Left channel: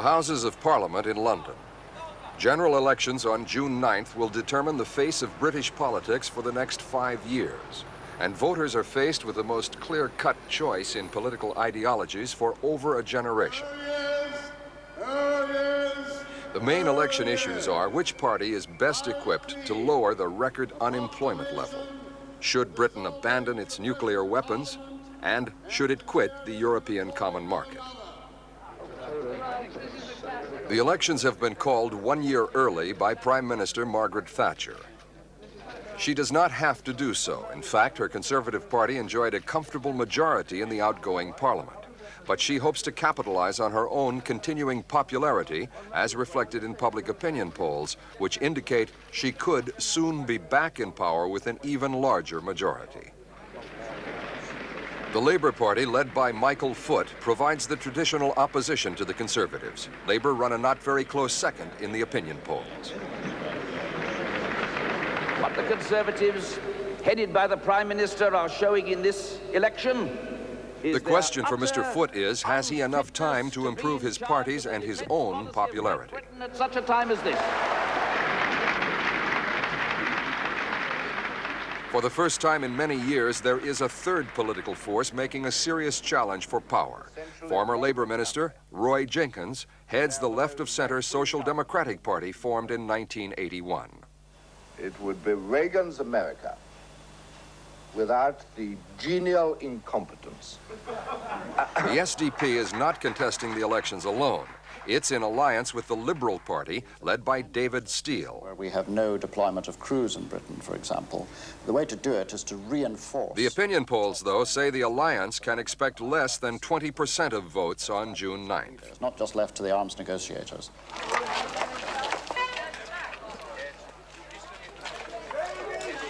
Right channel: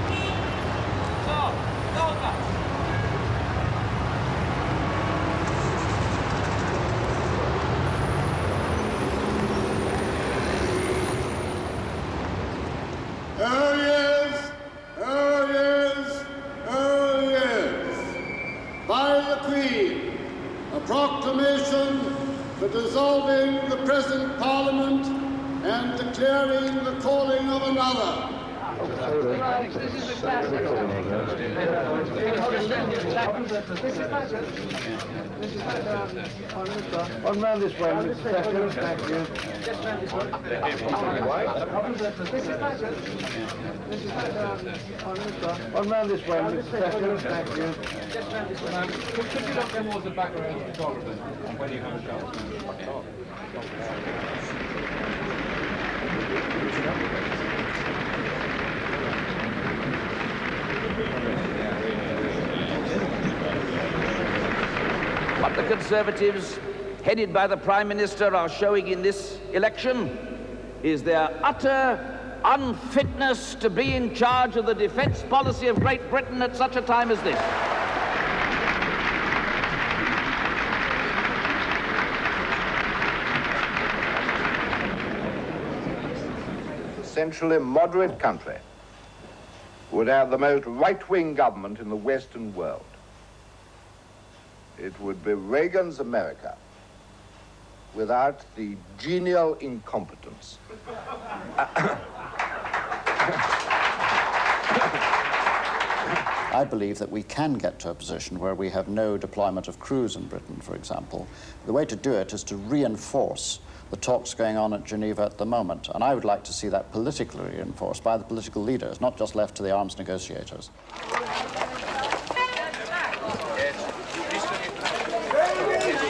the Houses of Parliament in London. General elections on June 9th will determine the face of British politics for the next 5 years. And voters are faced with the most clear-cut choice in political ideologies for over a generation. The main election issues are which party is best equipped to lower the record unemployment level, should Britain abandon its nuclear weapons, and should it quit the European Common Market. The elections have been called 1 year early by Prime Minister Margaret Thatcher. She does not have to do so. In fact, her Conservative Party enjoyed a comfortable majority in the outgoing Parliament. But she hopes to capitalize on her own continuing popularity, as reflected in public opinion polls, which indicate she could soon be back in power with an even larger majority. The Labour Party, led by Michael Foot, provides the traditional opposition to the Conservatives. Labour run a not very close second in the opinion polls. What the Conservatives, headed by the Prime Minister, are showing in this election is the question for Mr. Foot is, has he enough time to improve be in his charge party's of the and his defence own policy of popularity? Great Britain at such a time as this? For the first time in many years, there is a third political force making a serious challenge for power. Former Labour Minister Roy Jenkins heads the left-of-centre Social Democratic Party formed in 1981. It would be Reagan's America without the genial incompetence. The SDP is not contesting the elections alone. It's in alliance with the Liberal I Party, believe that we led by can get David to a position Steele. where we have no deployment of crews in Britain, for example. The way to do it is to reinforce The opinion polls, talks though, going say on the at Geneva alliance at the can moment. expect And I would less like than to see that 20% of politically votes reinforced on by the June political 9th. leaders, not just left to the arms negotiators.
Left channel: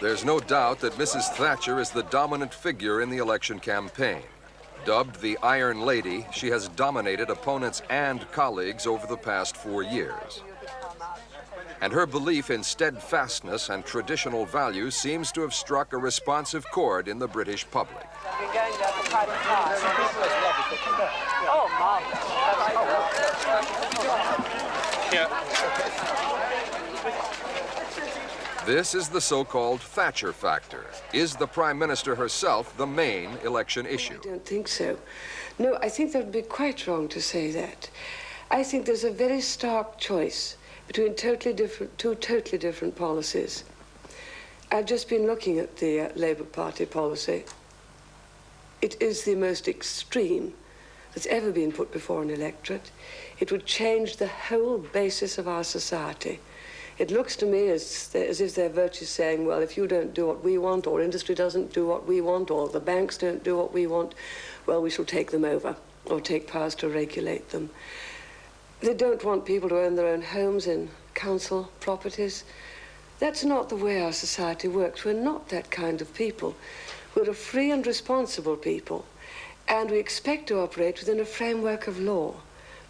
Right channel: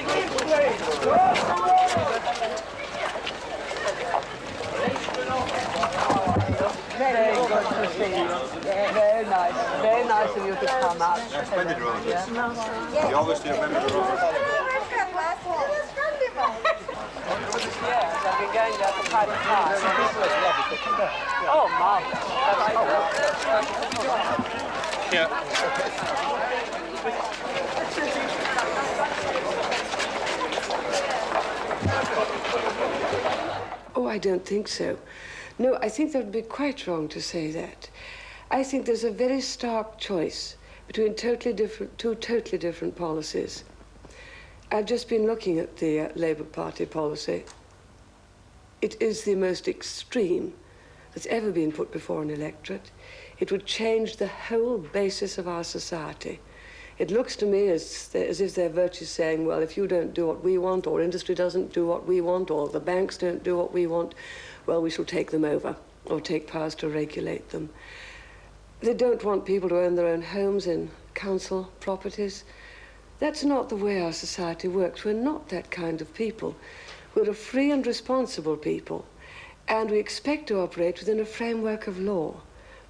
There's no doubt that Mrs. Thatcher is the dominant figure in the election campaign. Dubbed the Iron Lady, she has dominated opponents and colleagues over the past 4 years. And her belief in steadfastness and traditional values seems to have struck a responsive chord in the British public. Oh, marvelous. This is the so-called Thatcher factor. Is the Prime Minister herself the main election issue? Oh, I don't think so. No, I think that would be quite wrong to say that. I think there's a very stark choice between two totally different policies. I've just been looking at the Labour Party policy. It is the most extreme that's ever been put before an electorate. It would change the whole basis of our society. It looks to me as if they're virtually saying, well, if you don't do what we want, or industry doesn't do what we want, or the banks don't do what we want, well, we shall take them over, or take powers to regulate them. They don't want people to own their own homes in council properties. That's not the way our society works. We're not that kind of people. We're a free and responsible people, and we expect to operate within a framework of law,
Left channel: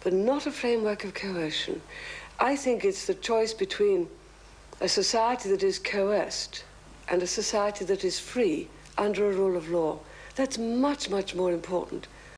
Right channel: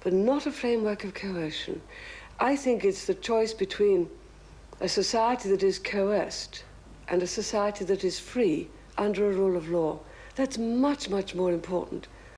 but not a framework of coercion. I think it's the choice between a society that is coerced and a society that is free under a rule of law. That's much, much more important